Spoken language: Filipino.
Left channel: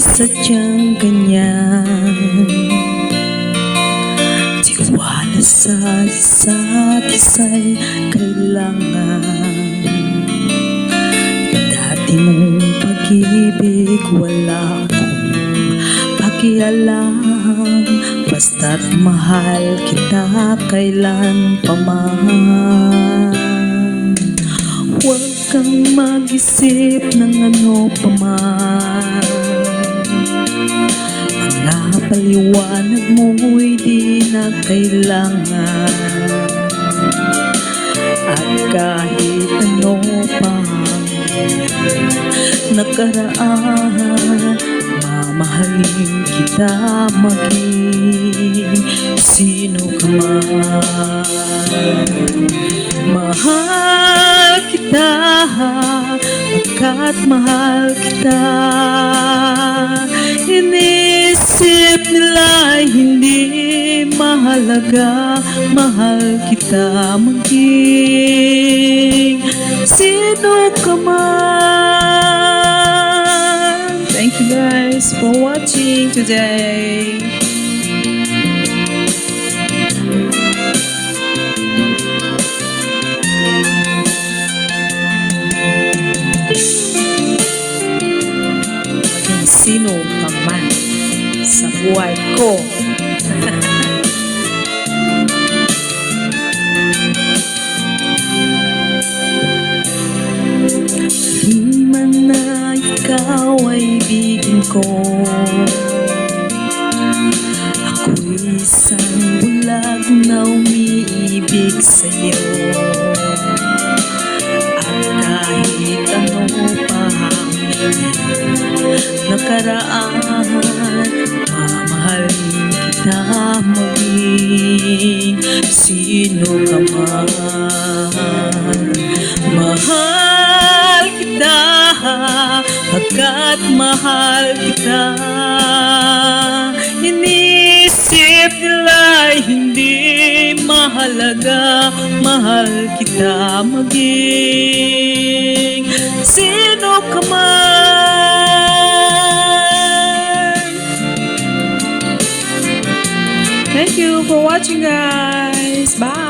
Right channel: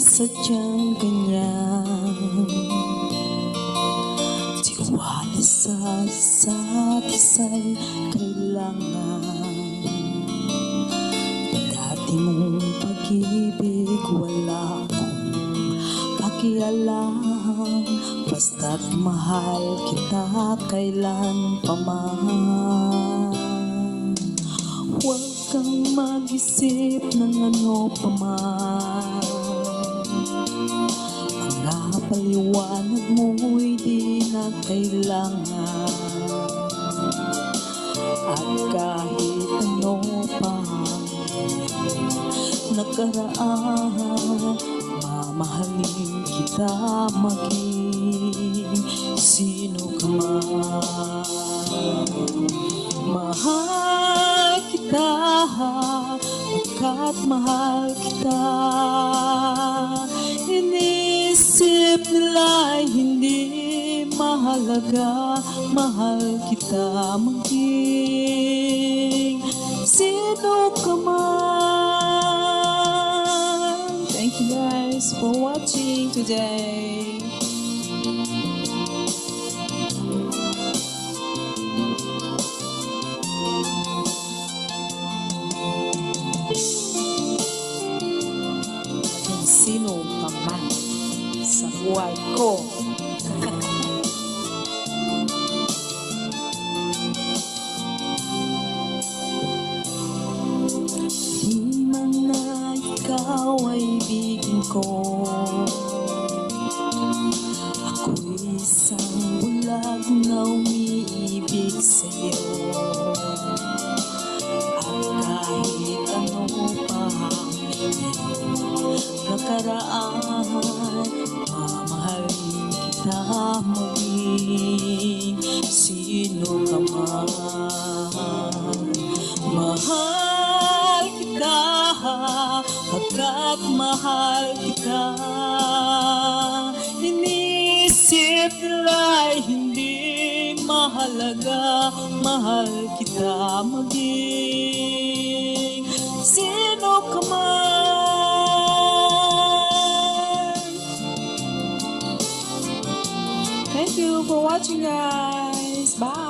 sadyang ganyan. Tiwala sa isa't isa'y kailangan. Dati mong pag-ibig wala akong pakialam. Basta't mahal kita kailan pa man. Huwag kang mag-isip ng ano pa man. Mga paliwanag mo'y di na kailangan. At kahit ano pa nakaraan, mamahalin kita maging sino ka man. Mahal kita, pagkat mahal kita. Inisip nila hindi mahalaga, mahal kita maging sino ka man. Thank you guys for watching today. Sino ka man sa buhay ko. Di man na ikaw ay ibigin ko, ako'y isang bulag na umiibig sa'yo. At kahit ano pa nakaraan, mamahalin kita maging sino ka man. Mahal kita, pagkat mahal kita. Inisip nila hindi mahalaga, mahal kita maging sino ka man. Thank you for watching guys. Bye.